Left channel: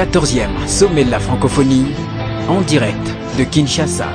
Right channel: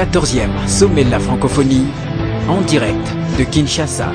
14e sommet de la francophonie, en direct de Kinshasa.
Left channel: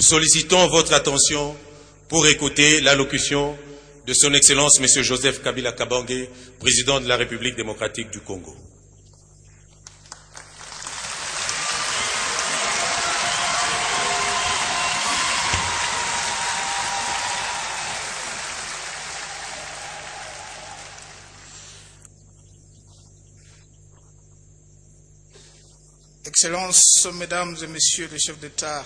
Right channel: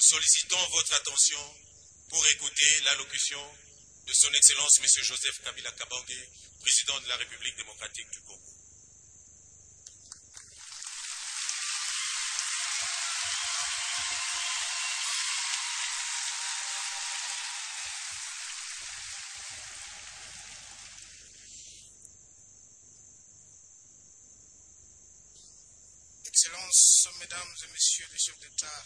nous sollicitons votre attention pour écouter l'allocution de son Excellence M. Joseph Kabila Kabange, président de la République démocratique du Congo. Excellences, Mesdames et Messieurs les chefs d'État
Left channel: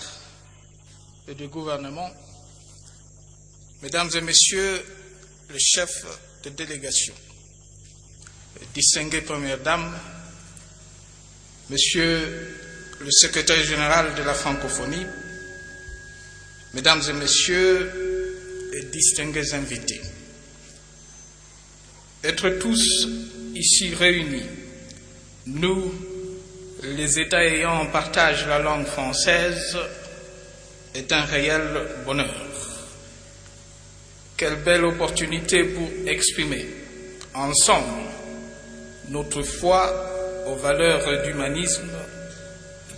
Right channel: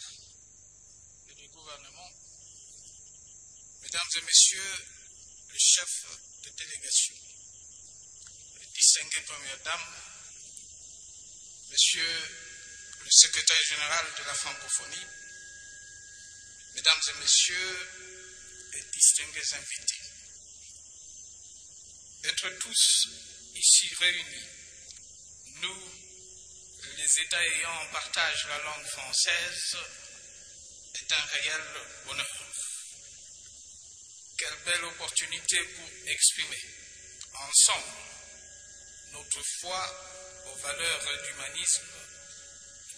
et de gouvernement, Mesdames et Messieurs les chefs de délégation, distinguées Premières Dames, Monsieur le Secrétaire général de la francophonie, Mesdames et Messieurs et distingués invités, être tous ici réunis, nous, les États ayant en partage la langue française, est un réel bonheur. Quelle belle opportunité pour exprimer ensemble notre foi aux valeurs d'humanisme,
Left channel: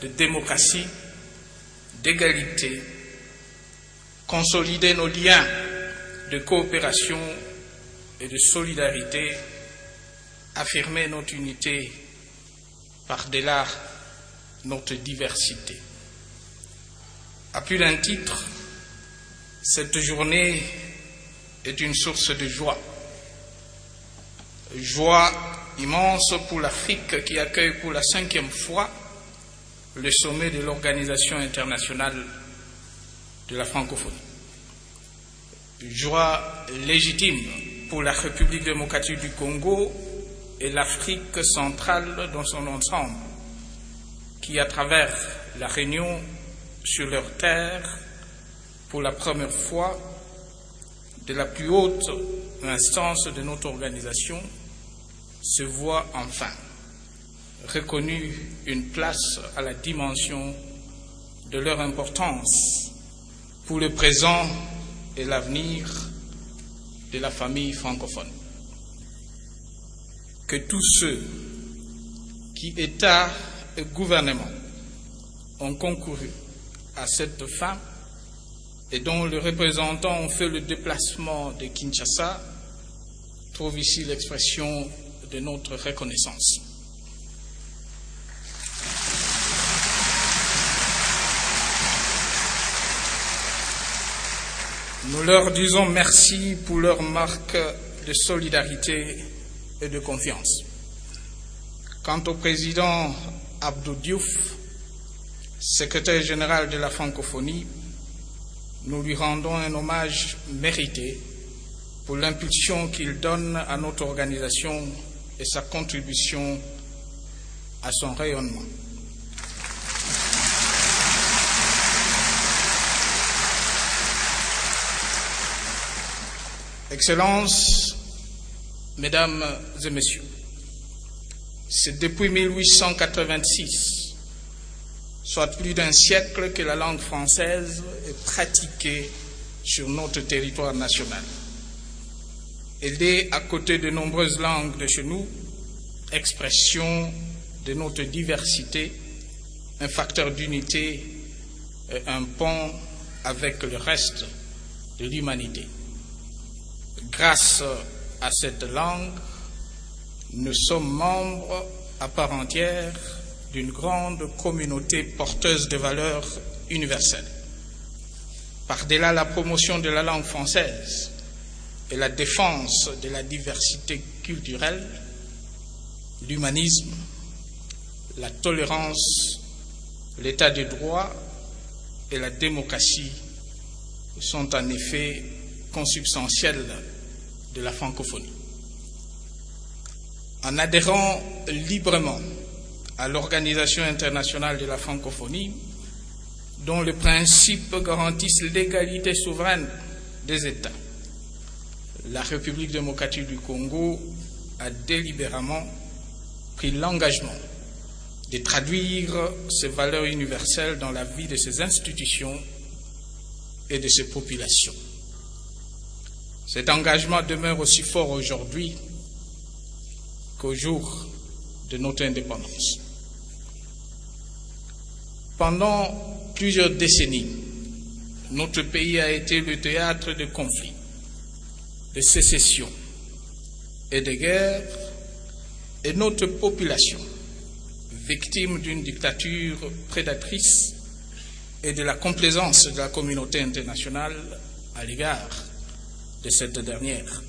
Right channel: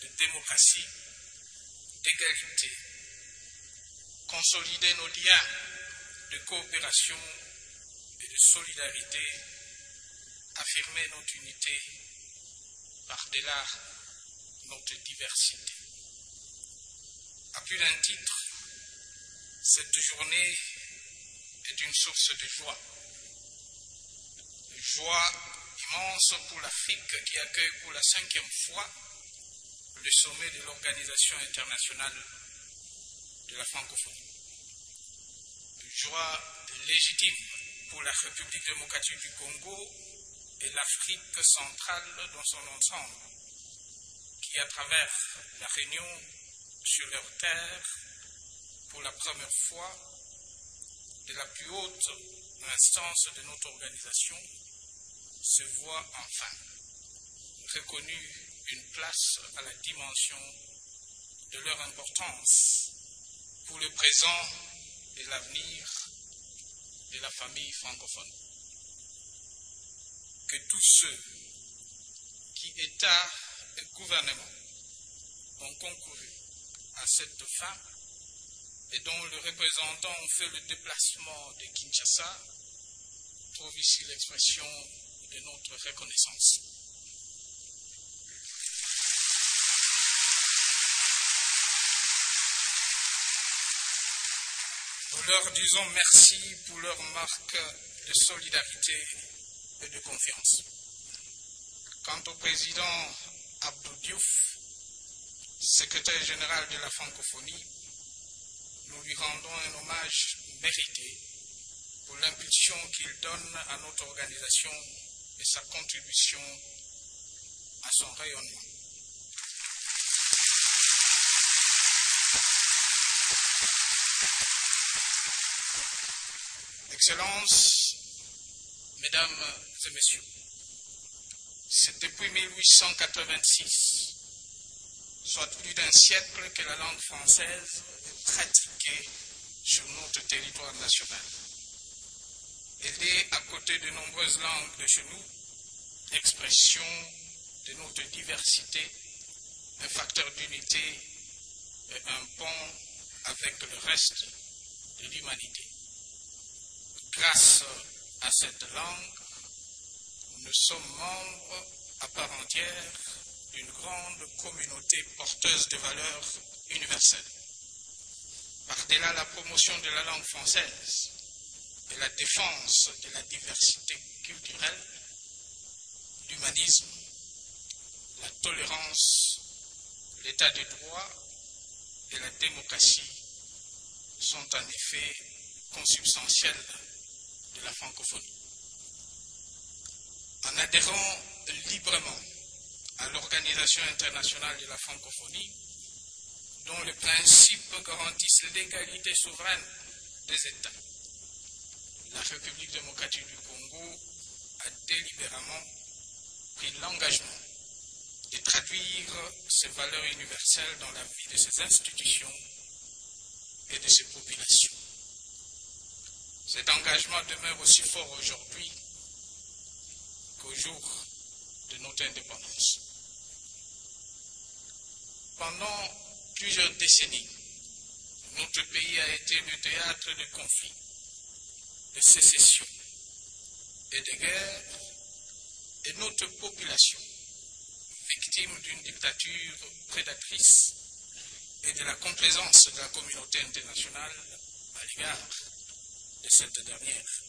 de démocratie, d'égalité, consolider nos liens de coopération et de solidarité, affirmer notre unité par-delà notre diversité. À plus d'un titre, cette journée est une source de joie. Joie immense pour l'Afrique qui accueille pour la 5e fois le sommet de l'Organisation internationale de la francophonie. Joie légitime pour la République démocratique du Congo et l'Afrique centrale dans son ensemble, qui, à travers la réunion sur leur terre, pour la première fois, de la plus haute instance de notre organisation, se voit enfin reconnue une place à la dimension de leur importance pour le présent et l'avenir de la famille francophone. Que tous ceux qui, État et gouvernement, ont concouru à cette fin et dont les représentants ont fait le déplacement de Kinshasa trouvent ici l'expression de notre reconnaissance. Nous leur disons merci pour leur marque de solidarité et de confiance. Quant au président Abdou Diouf, secrétaire général de la francophonie, nous lui rendons un hommage mérité pour l'impulsion qu'il donne à notre organisation et sa contribution à son rayonnement. Excellences, Mesdames et Messieurs, c'est depuis 1886, soit plus d'un siècle, que la langue française est pratiquée sur notre territoire national. Elle est, à côté de nombreuses langues de chez nous, expression de notre diversité, un facteur d'unité et un pont avec le reste de l'humanité. Grâce à cette langue, nous sommes membres à part entière d'une grande communauté porteuse de valeurs universelles. Par-delà la promotion de la langue française et la défense de la diversité culturelle, l'humanisme, la tolérance, l'état de droit et la démocratie sont en effet consubstantiels de la francophonie. En adhérant librement à l'Organisation internationale de la francophonie, dont les principes garantissent l'égalité souveraine des États, la République démocratique du Congo a délibérément pris l'engagement de traduire ces valeurs universelles dans la vie de ses institutions et de ses populations. Cet engagement demeure aussi fort aujourd'hui qu'au jour de notre indépendance. Pendant plusieurs décennies, notre pays a été le théâtre de conflits, de sécessions et de guerres, et notre population, victime d'une dictature prédatrice et de la complaisance de la communauté internationale à l'égard de cette dernière.